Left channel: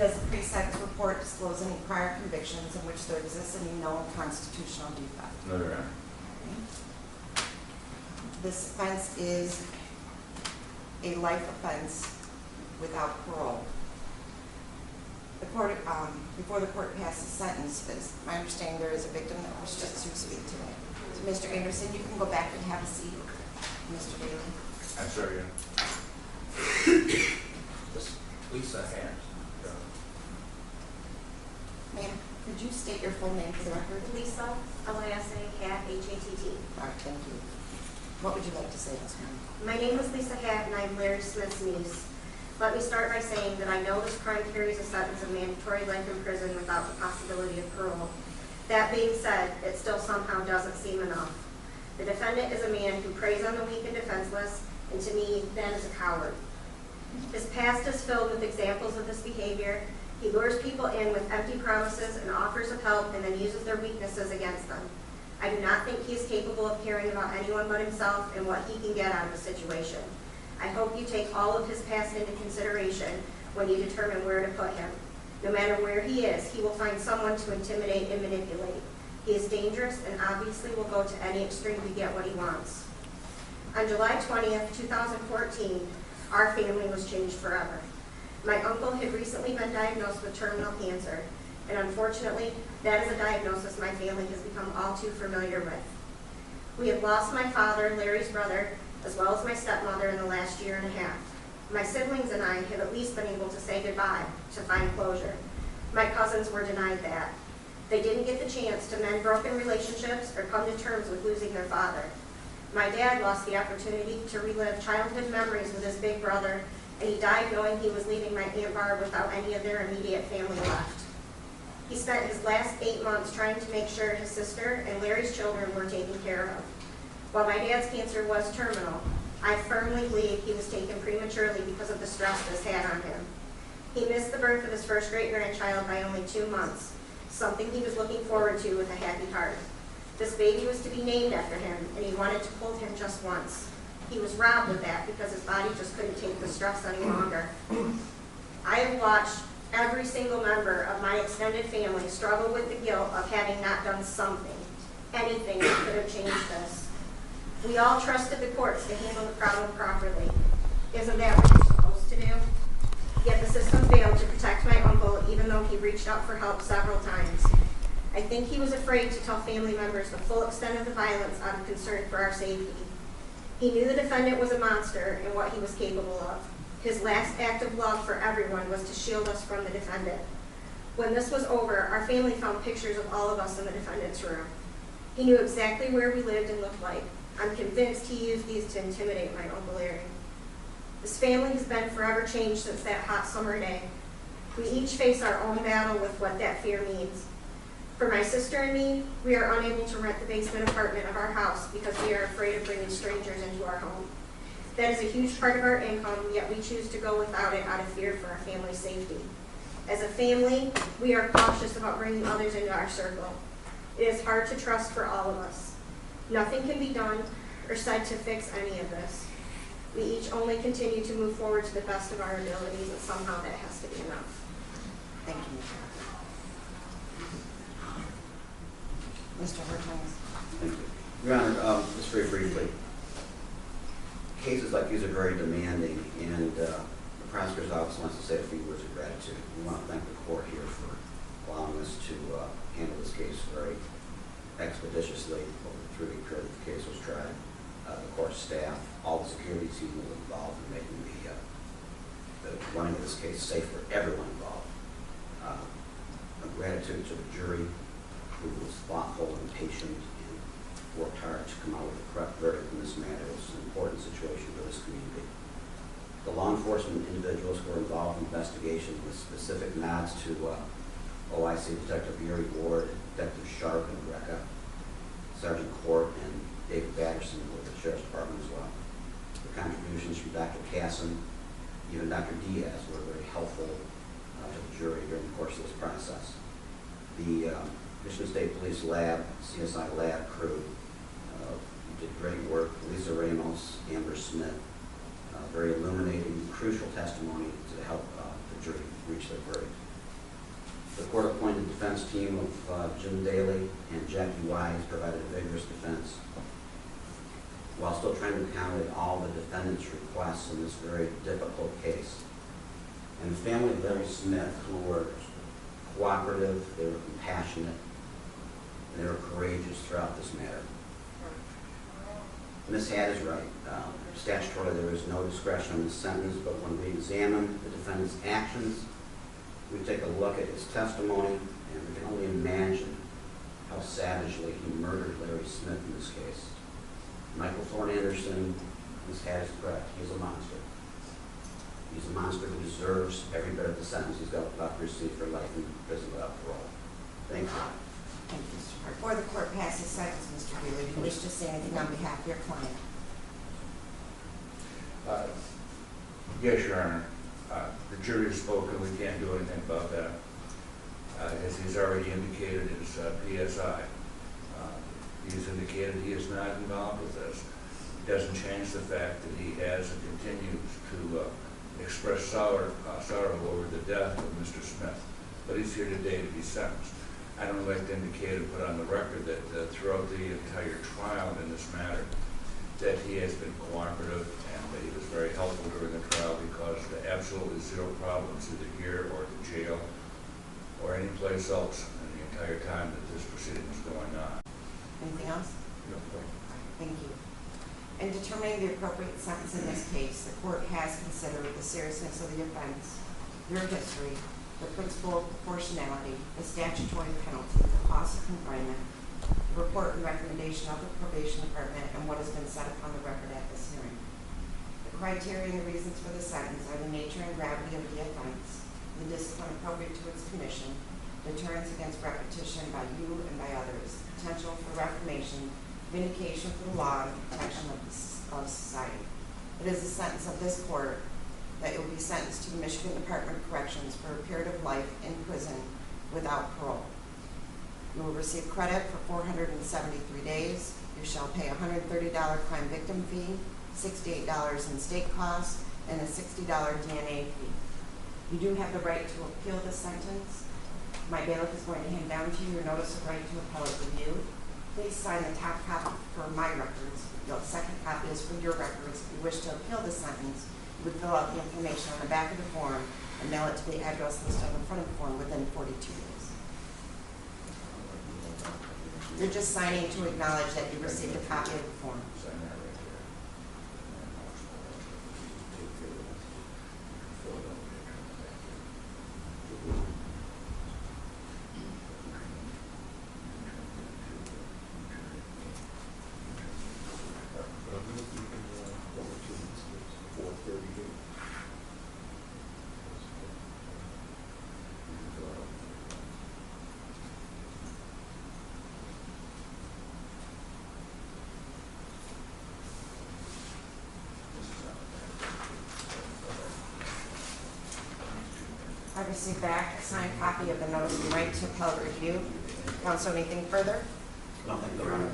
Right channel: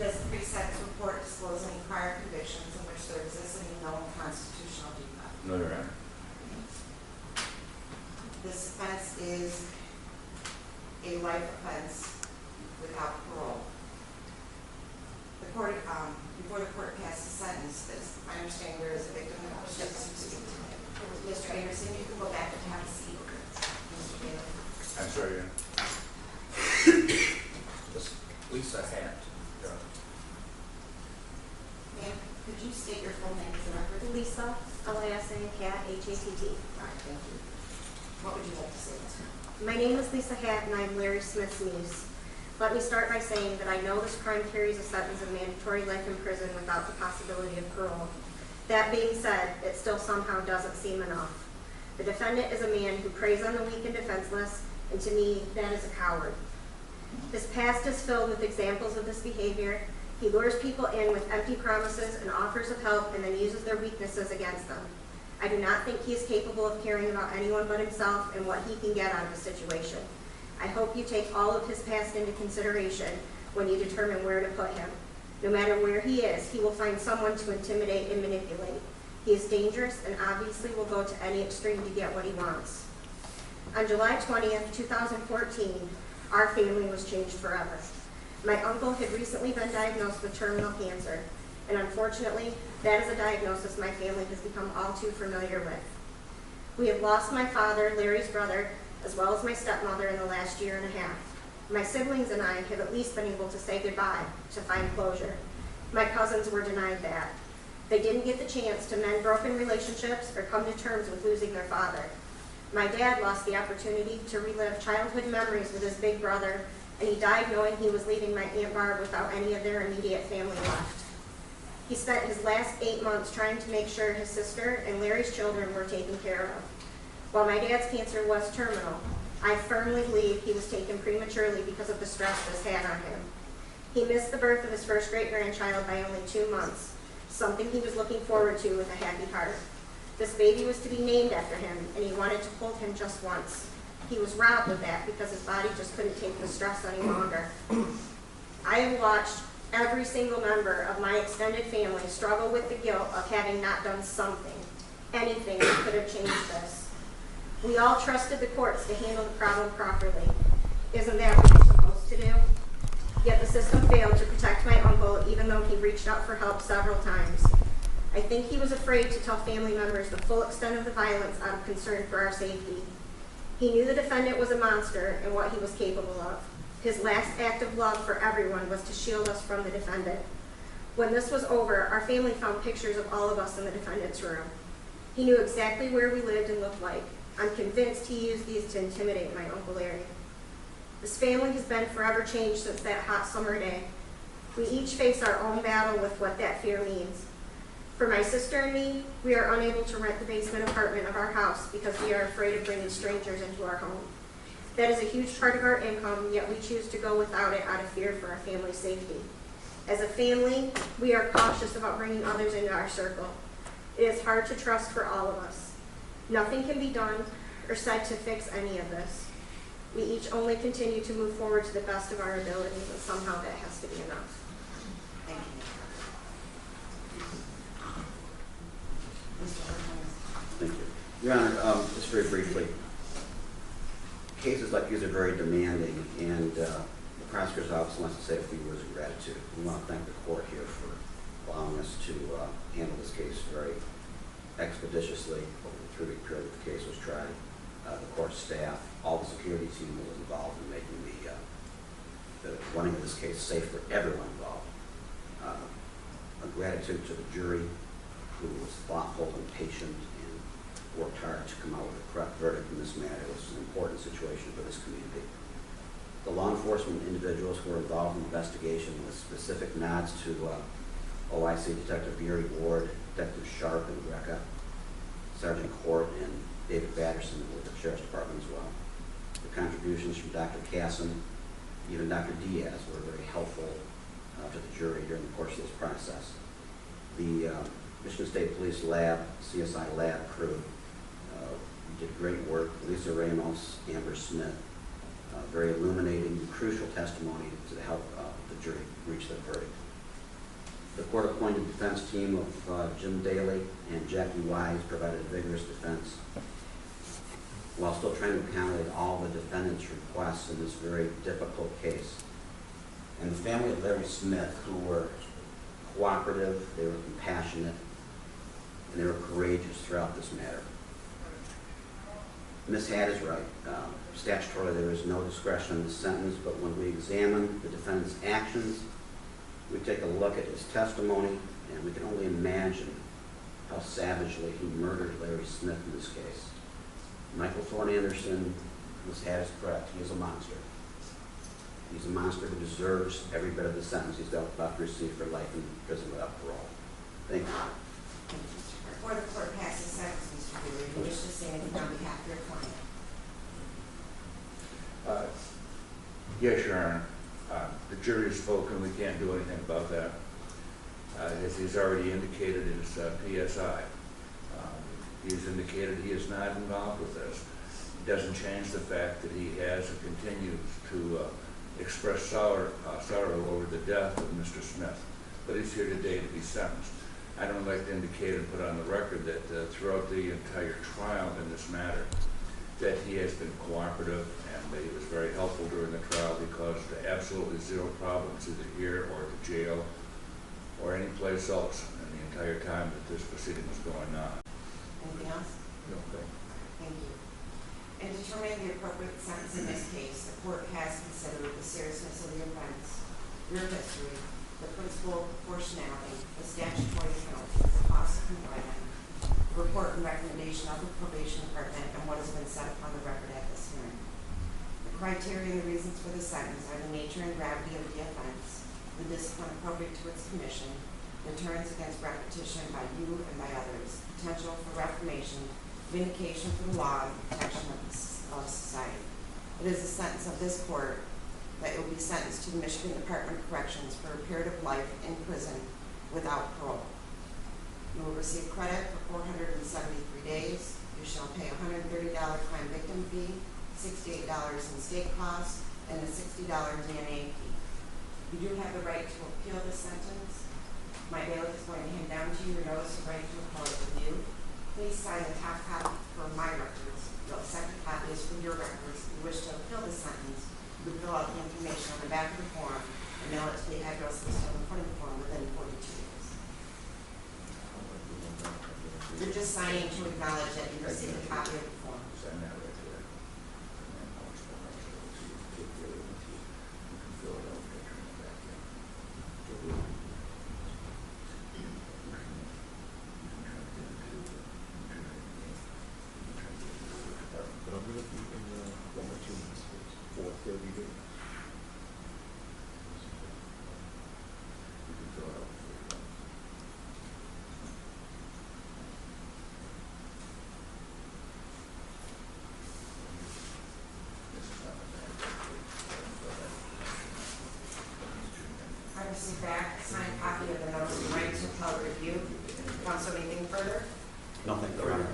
Does the pre-sentence report disclose any prior convictions in which there exists any known constitutional defect? No, Your Honor. This offense is a life offense without parole. The court, before the court passes sentence, my understanding there is a victim that wishes to speak to me. Mr. Anderson, you can go back and have a seat. Mr. Bailey. I'm sorry, Your Honor. Lisa Hatt. Ma'am, could you state your full name for the record? Lisa, L-I-S-A, Hatt, H-A-T-T. All right, thank you. What would you like to say this time? My name is Lisa Hatt, and I'm Larry Smith's niece. Let me start by saying that I know this crime carries a sentence of mandatory life in prison without the possibility of parole. That being said, it still somehow doesn't seem enough. The defendant is a man who preys on the weak and defenseless, and to me, that is a coward. His past is filled with examples of this behavior. He lures people in with empty promises and offers of help and then uses their weaknesses against them. I do not think he is capable of caring about anyone but himself and what he can get out of a situation. I hope you take all of his past into consideration when you determine where to put him. No matter where he is, he will find someone to intimidate and manipulate. He is dangerous and obviously will go to any extreme to get what he wants. On July 20th, 2014, our family was changed forever. My uncle had recently been diagnosed with terminal cancer, and unfortunately, that is a diagnosis my family has become all too familiar with. We have lost my father, Larry's brother, as well as my stepmother in the last year and a half. My siblings and I have at least been able to say goodbye, to find closure. My cousins were denied that. They didn't get the chance to mend broken relationships or come to terms with losing their father. My dad lost the opportunity to relive childhood memories with his big brother, and he died knowing he was leaving my Aunt Barb without any of their immediate family left. He spent his last 8 months trying to make sure his sister and Larry's children were taken care of. While my dad's cancer was terminal, I firmly believe he was taken prematurely because of the stress this had on him. He missed the birth of his first great-grandchild by only 2 months, something he was looking forward to with a happy heart. This baby was to be named after him, and he wanted to hold him just once. He was robbed of that because his body just couldn't take the stress any longer. I have watched every single member of my extended family struggle with the guilt of having not done something, anything that could have changed this. We all trusted the courts to handle the problem properly. Isn't that what you're supposed to do? Yet the system failed to protect my uncle even though he reached out for help several times. I think he was afraid to tell family members the full extent of the violence out of concern for our safety. He knew the defendant was a monster and what he was capable of. His last act of love for everyone was to shield us from the defendant. When this was over, our family found pictures of all of us in the defendant's room. He knew exactly where we lived and looked like. I'm convinced he used these to intimidate my Uncle Larry. This family has been forever changed since that hot summer day. We each face our own battle with what that fear means. For my sister and me, we are unable to rent the basement apartment of our house because we are afraid of bringing strangers into our home. That is a huge part of our income, yet we choose to go without it out of fear for our family's safety. As a family, we are cautious about bringing others into our circle. It is hard to trust for all of us. Nothing can be done or said to fix any of this. We each only continue to move forward to the best of our abilities, and somehow that has to be enough. Thank you. Mr. Hurtmans. Thank you. Your Honor, just very briefly, cases like these are very demanding, and the prosecutor's office wants to say a few words of gratitude. We want to thank the court here for allowing us to handle this case very expeditiously over the 3-week period that the case was tried. The court staff, all the security team was involved in making the running of this case safe for everyone involved. A gratitude to the jury, who was thoughtful and patient and worked hard to come out with the correct verdict in this matter. It was an important situation for this community. The law enforcement individuals who were involved in the investigation, with specific nods to OIC Detective Yuri Ward, Detective Sharp and Greca, Sergeant Court, and David Batterson with the Sheriff's Department as well. The contributions from Dr. Casson, even Dr. Diaz, were very helpful to the jury during the course of this process. The Michigan State Police Lab, CSI Lab crew did great work. Lisa Ramos, Amber Smith, very illuminating, crucial testimony to help the jury reach their verdict. The court-appointed defense team of Jim Daly and Jackie Wise provided vigorous defense while still trying to accommodate all the defendant's requests in this very difficult case. And the family of Larry Smith, who were cooperative, they were compassionate, and they were courageous throughout this matter. Ms. Hatt is right. Statutorily, there is no discretion in the sentence, but when we examine the defendant's actions, we take a look at his testimony, and we can only imagine how savagely he murdered Larry Smith in this case. Michael Thorne Anderson, Ms. Hatt is correct, he is a monster. He's a monster who deserves every bit of the sentence he's about to receive for life in prison without parole. Thank you. Thank you, Mr. Hart. Before the court passes sentence, Mr. Wheeler, do you wish to say anything on behalf of your client? Yes, Your Honor. The jury has spoken. We can't do anything about that. As he's already indicated in his PSI, he's indicated he is not involved with this. It doesn't change the fact that he has and continues to express sorrow over the death of Mr. Smith. But he's here today to be sentenced. I'd only like to indicate and put on the record that throughout the entire trial in this matter, that he has been cooperative and that he was very helpful during the trial because there are absolutely zero problems either here or at the jail or any place else in the entire time that this proceeding was going on. Anything else? No, thank you. Thank you. In determining the appropriate sentence in this case, the court has considered the seriousness of the offense, your history, the principle of proportionality, the statutory penalty, the cost of confinement, the report and recommendation of the probation department, and what has been said upon the record at this hearing. The criteria and the reasons for the sentence are the nature and gravity of the offense, the discipline appropriate to its commission, deterrence against repetition by you and by others, potential for reformation, vindication for the law, and protection of society. It is the sentence of this court that it will be sentenced to the Michigan Department of Corrections for a period of life in prison without parole. You will receive credit for 473 days. You shall pay a $130 crime victim fee, $68 in state costs, and a $60 DNA fee. You do have the right to appeal the sentence. My bailiff is going to hand down to you your notice of right to appellate review. Please sign the top copy for my records. The second copy is for your records. If you wish to appeal the sentence, you would fill out the information on the back of the form and mail it to the address listed on the front of the form within 42 days. You're just signing to acknowledge that you received a copy of the form. Sign that right there. Fill it out there, turn it back in. But I'm gonna be in one or 2 minutes, for 30 days. I received back a signed copy of the notice of right to appellate review. Counsel, anything further? No, thank you, Your Honor.